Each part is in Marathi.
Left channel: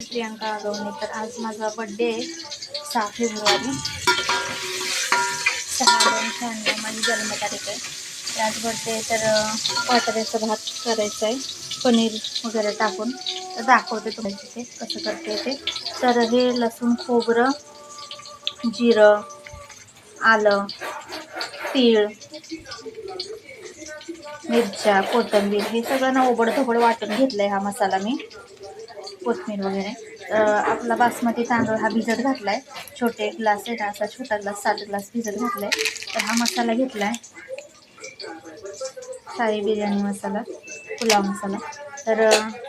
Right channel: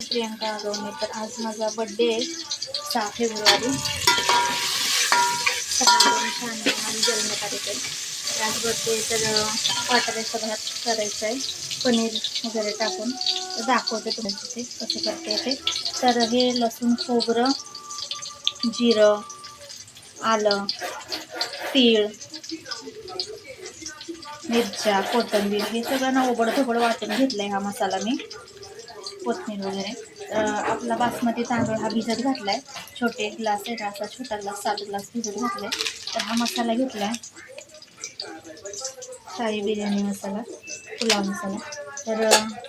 प्रियांका आगवणे. तर आज माझा बड्डे आहे 6 फेब्रुवारी 6/2/96 माझी जन्मतारीख आहे. तर आज बड्डे तर वाटाण्याचा भात करायचा आहे पनीर वगैरे टाकून. तर दाखवते तुम्हाला ते कसं करते ते. तर हे लसूण खोबरं जिरं आलं तीळ मिरच्या कोथिंबीर हे सगळं ना ओबडधोबड वाटून घेतलं आहे. हा मसाला मी कोथिंबीर वगैरे आपला बासमती तांदूळ हा भिजत घातला आहे. छोटे ग्लास आहे ना, असा छोटा ग्लास 7 ग्लास भिजत घातला आहे. तर हा मसाला घेतला आहे साई बिर्याणी मसाला पुलाव मसाला. तर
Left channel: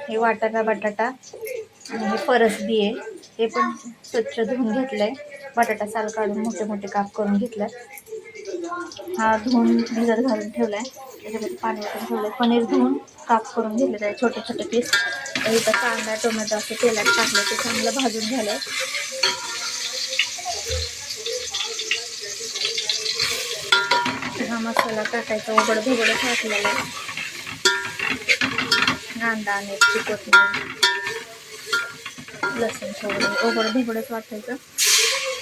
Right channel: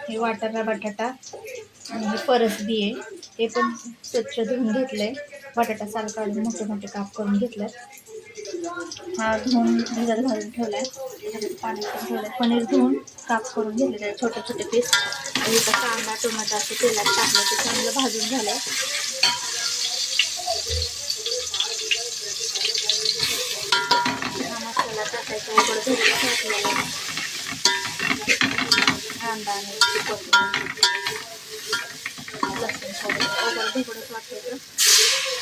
हे वाटाणा बटाटा आणि हे परसबी आहे ते पण स्वच्छ धुवून घेतलं आहे. बटाटा साल काढून मोठे मोठे काप करून घेतलं. हा धुवून भिजत घालून ठेवला आहे. त्याच्यामध्ये पाणी पण ठेवलं आहे. पनीर धुवून काप करून घेतले आहे छोटे छोटे पीस. तर इथं कांदा टोमॅटो असं तेलात टाकलं ते चांगलं भाजून झालं. हा मसाला टाकायचा ओबड धोबड टाकलेला कांदा आणि कोथिंबीर लसूण खोबरं ओबड धोबडच वाटायचं.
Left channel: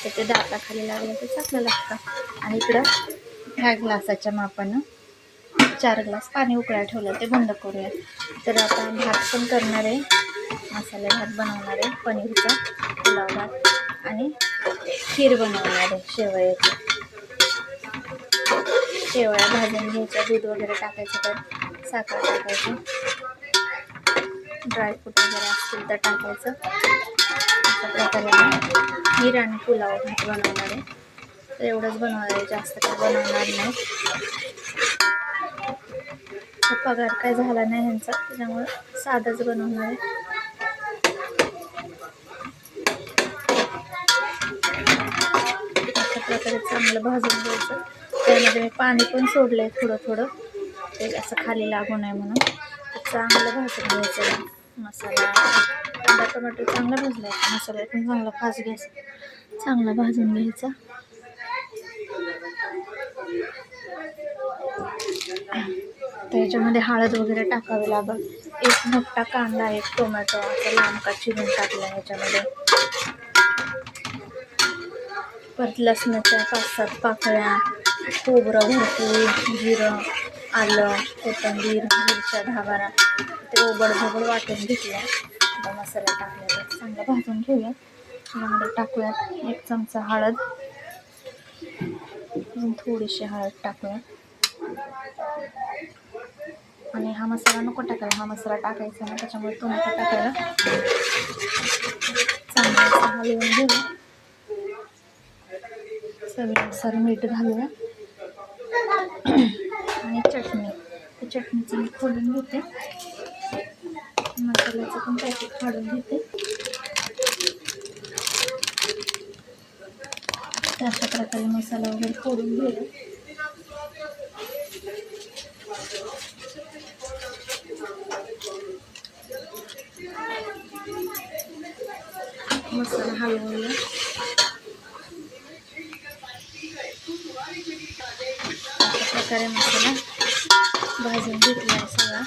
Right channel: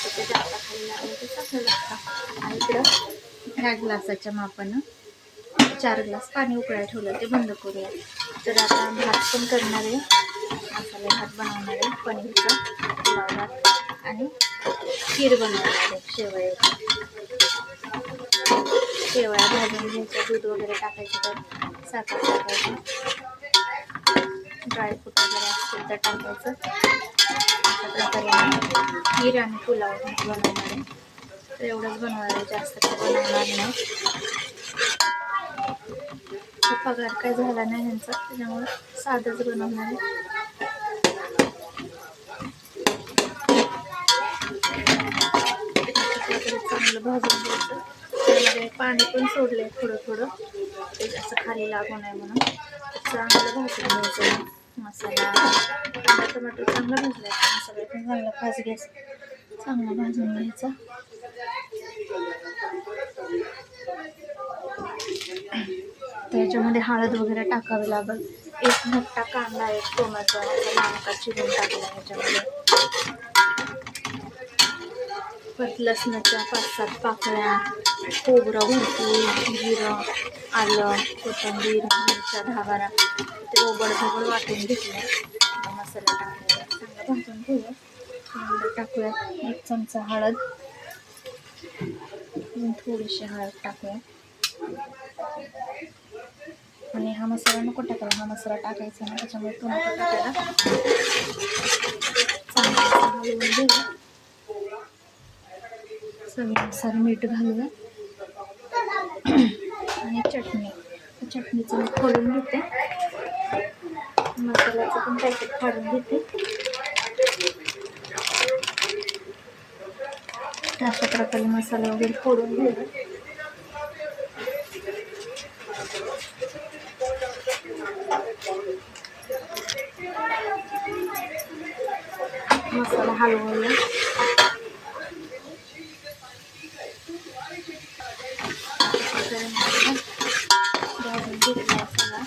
त्याचे दाताखाली लागलं ते चांगलं लागतं. आणि इकडं ह्या ग्लासाच्या मापानं 4 ग्लास पाणी उकळायला ठेवलं ते बंद करूया. तर आता भात पण करणार आहे. मसाले भात बनवणार आहे पनीरचा पुलाव भात आणि खीर बनवणार आहे शेवयाची. शेवया भाजून घ्यायच्या दूध वगैरे टाकायचं तर साखर टाकायचं ड्रायफ्रूट वगैरे असतील तर टाकायचं. अशा प्रकारे मी खीर आणि पुलाव भात बनवणार आहे. तर एवढंच बनवणार आहे जास्त काही बनवणार नाही. पगार काय झाला नाही ह्यांचा त्याच्यामुळे साधंच बनवणार आहे. अशा प्रकारे चांगलं भाजून घ्यायचं. त्यामध्ये पाणी पण सोडलं आहे थोडं थोडं ते असं खाली लागू नये म्हणून. चांगलं भाजून घ्यायचं. मसाला कांदा टोमॅटो चांगला भाजला आहे. मसाला पण चांगला फास्ट गॅस चांगला भाजून घ्यायचा. त्याच्यामध्ये हळद वगैरे टाकावी लागेल. एक मोठा कांदा एक टोमॅटो असा लांबका चिरून टाकला ह्याच्यामध्ये. परत लसणाच्या 5-7 पाकळ्या खोबरं भरपूर जिरं आलं कोथिंबीर मिरच्या 10-12 ते ओबड धोबड वाटून घेतलं. मसाला टाकलेला चांगला भाजून घेऊया. त्याच्यामध्ये टाकूया 1 चमचा हळद थोडीशी हळद टाकूया. आणि हा मसाला नको टाकायला. हा मसाला टाकायचा ना त्याच्यामुळे तो नको टाकायला. चांगलं हलवून घेऊया. चवीनुसार मीठ घालूया आणि चटणी. त्या चटणीचं मी खोलून घेते. मसाल्याचं पण पॅकेट काढून घेते. अशा प्रकारे मसाला वगैरे फोडून घेऊया. मसाला हलवूया. अशा प्रकारे मसाला भाजून घेतला सगळा.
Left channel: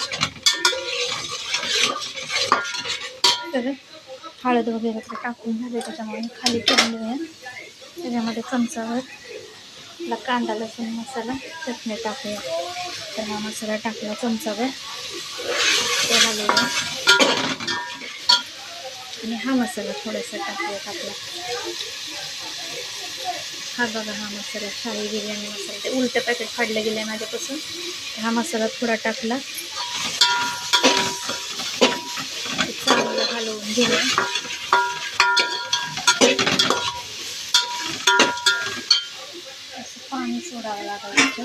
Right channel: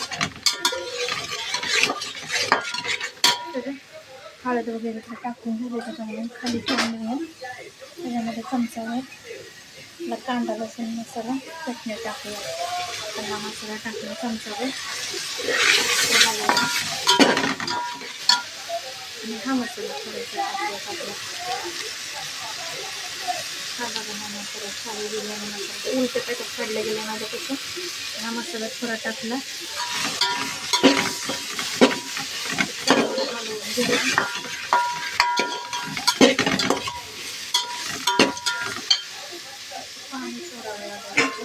तर हळद वगैरे तर टाकून झाले त्याच्यामुळे खाली ठेवून देऊया. त्याच्यामध्ये चमचाभर कांदा लसूण मसाला चटणी टाकूया. तर हा मसाला टाकला चमचाभर ते हलवूया. आणि हा मसाला थोडासा टाकूया आपला. हा बघा हा मसाला साई बिर्याणी मसाला ते उलटं पॅकेट फाडलं गेलं आहे माझ्यापासून. हा मसाला थोडा टाकला. चांगलं हलवून घेऊया. पाणी सोडावं लागलं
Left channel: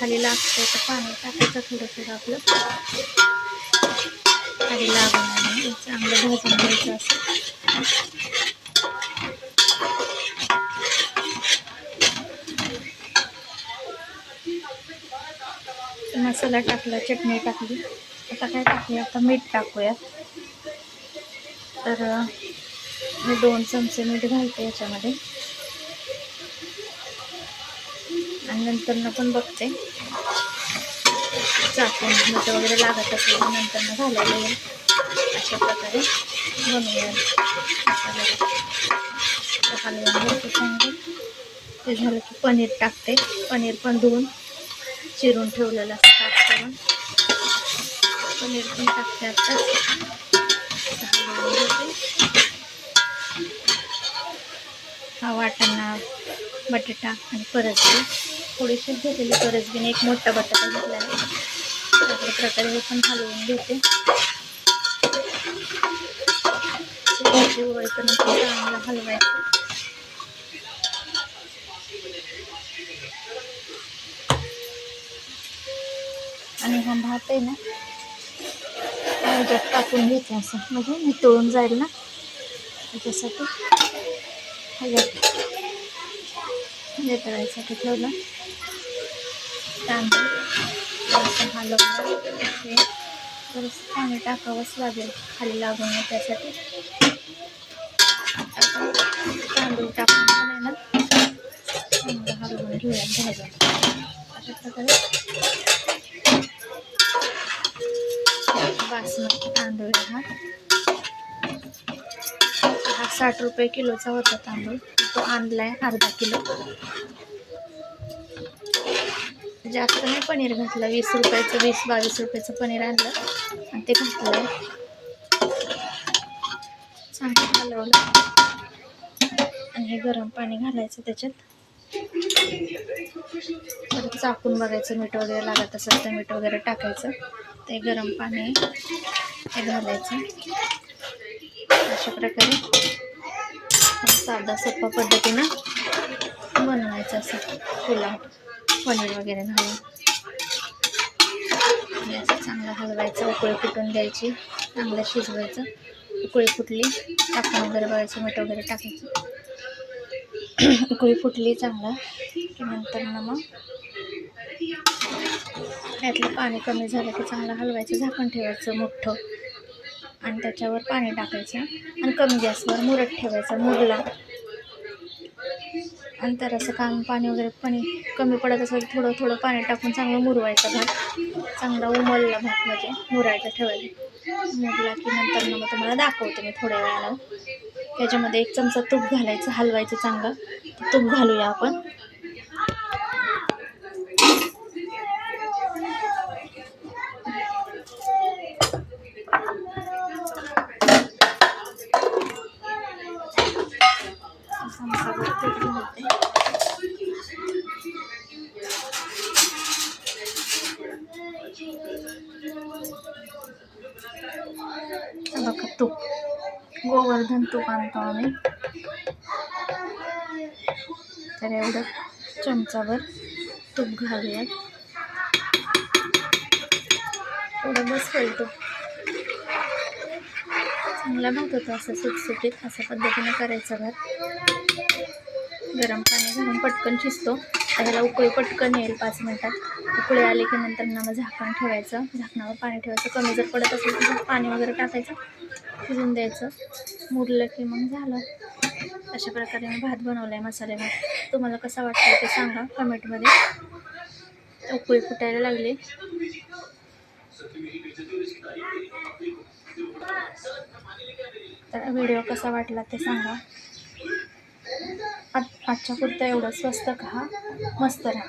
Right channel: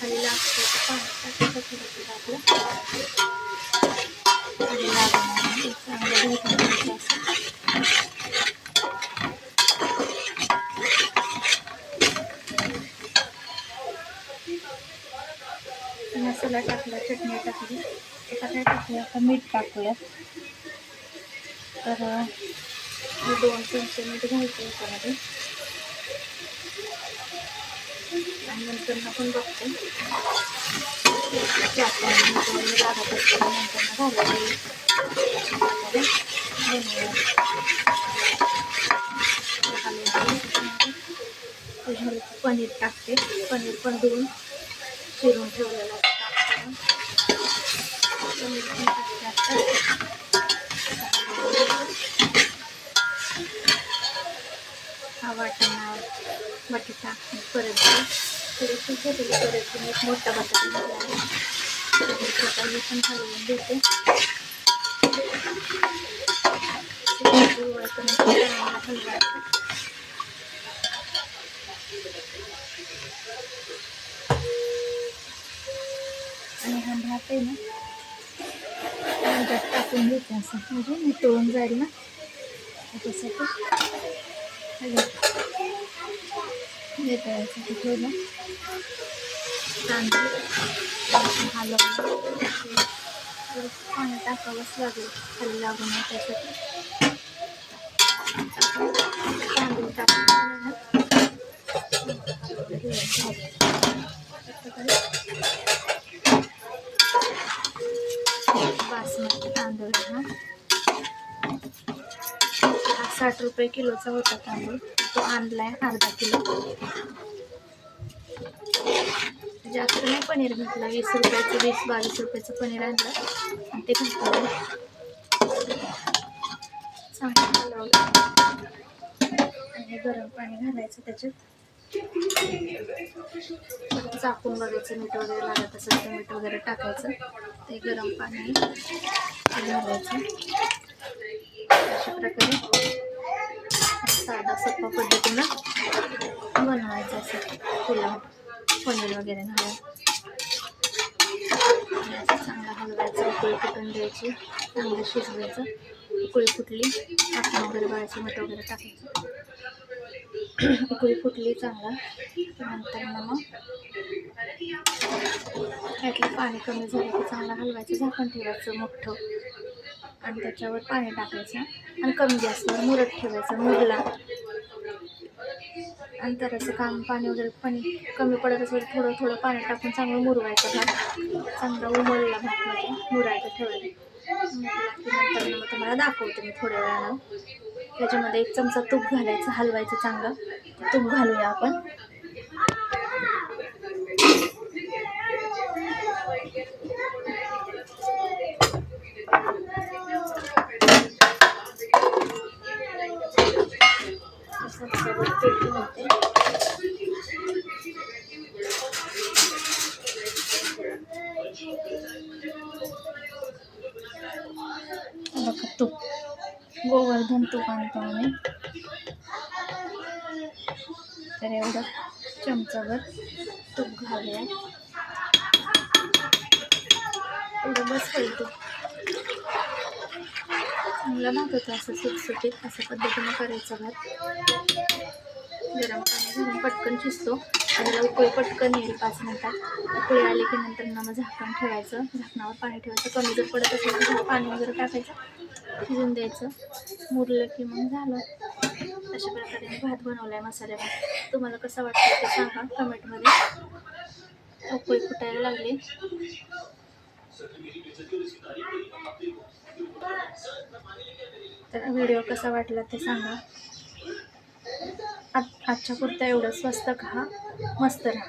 खाली लागतं तर पाणी टाकायचं थोडं थोडं आपलं खाली लागणार नाही. चांगलं भाजून घ्यायचं असं. मसाला टाकला चटणी टाकली. आता काय टाकूया आता मीठ टाकूया. तर मी 2 चमचे मीठ घालते याच्यामध्ये. आणि नंतर पण बघते चाकून मीठ वगैरे लागत असेल नंतर घालायला येईल. अशा प्रकारे बनवूया. हलवून ते झालं की पनीर टाकते. पनीर पण धुवून चिरून ठेवलेलं असं काप करून पनीर पण टाकते. आता हा वाटाणा, बटाटा आणि परसबी थोडीशी घेतलेली परसबीने एक मोठा बटाटा घेतला आहे. अशा प्रकारे हे पण हलवून घेते. चांगलं हलवायचं. आणि हा भात आहे ना ह्याच्यात टाकून घेते असं, म्हणजे मी तळून जाईल ना त्याच्यासाठी. तळायसाठी ठेवलं. तांदूळ हलवलं. थोडंसं पाणी टाकावंच लागेल खाली लागू नये त्यासाठी. तांदूळ टाकून ना हलवून घेऊया भाजायला. अशा प्रकारे बासमती तांदूळ हा 60 रुपये किलोचा होता तांदूळ. तो आणलाय अर्धा किलो. जास्त नाही पनीर घातलं. 20 रुपयाचं 20-22 रुपयाचं पनीर आणलं आणि ते घातलं. चांगलं हलवलं आणि हे गरम पाणी घालायचं त्याच्यात. परत चाकून बघायचं मीठ वगैरे लागत असेल तर मीठ वगैरे टाकायचं. ते गरम पाणी ते घालायचं. अशा प्रकारे साधा सोपा पद्धतीनं बनवायचं असं पुलाव पनीर वगैरे घालून. आणि असं चांगलं हलवायचं. उकळी फुटून द्यायची. चांगलं शिजवायचं. उकळी फुटली टाकून वगैरे बघायचं. मीठ वगैरे टाकायचं. उकळी फुटली चांगला की नंतर मग त्यातलं पाणी कमी झालं की चांगलं हलवायचं. झाकण ठेवायचं मोठं आणि त्याच्यावर पाणी टाकायचं आणि कमी गॅसवर मुरत ठेवायचं. मुरला आणि तर असं पाणी वगैरे कमी पडत असेल थोडं थोडं पाणी टाकून चांगलं मुरवायचं. भात चांगला उमलला भात म्हणजे मुरायचं ठेवायचं. मुरला की नंतर मग तुम्हाला दाखवते मी थोड्या वेळानं. त्याच्यामध्ये 1 चमचा तूप घालायचं. हलवायचं चांगलं. तूप घालूया आपण. बघा तूप गोवर्धन तूप आणतो आम्ही. तर एवढं चमचाभर तूप घालूया. एवढं बस होईल तूप. चांगला भात होतं असं सुटसुटीत. अशा पद्धतीने करायचा भात. गरम पाणी घालून पटकन शिजतो. त्याला उकळी पटकन येईल 5 मिनटात. उकळी आली की नंतर मग झाकण ठेवायचं. झाकणावर पाणी ठेवायचं. कमी जर पडत असेल तर पाणी वगैरे टाकायचं. शिजून द्यायचं. मुरलं की मग झालं. अशा प्रकारे मी भात बनवला आहे. मसाले भात. तुम्हाला कसा वाटतं ते सांगा कमेंटमध्ये. उकळी फुटायला लागली. तर व्हिडिओ कसा वाटला ते सांगा. आजच्या पुरता एवढं. स्वस्त खा, मस्त राहा.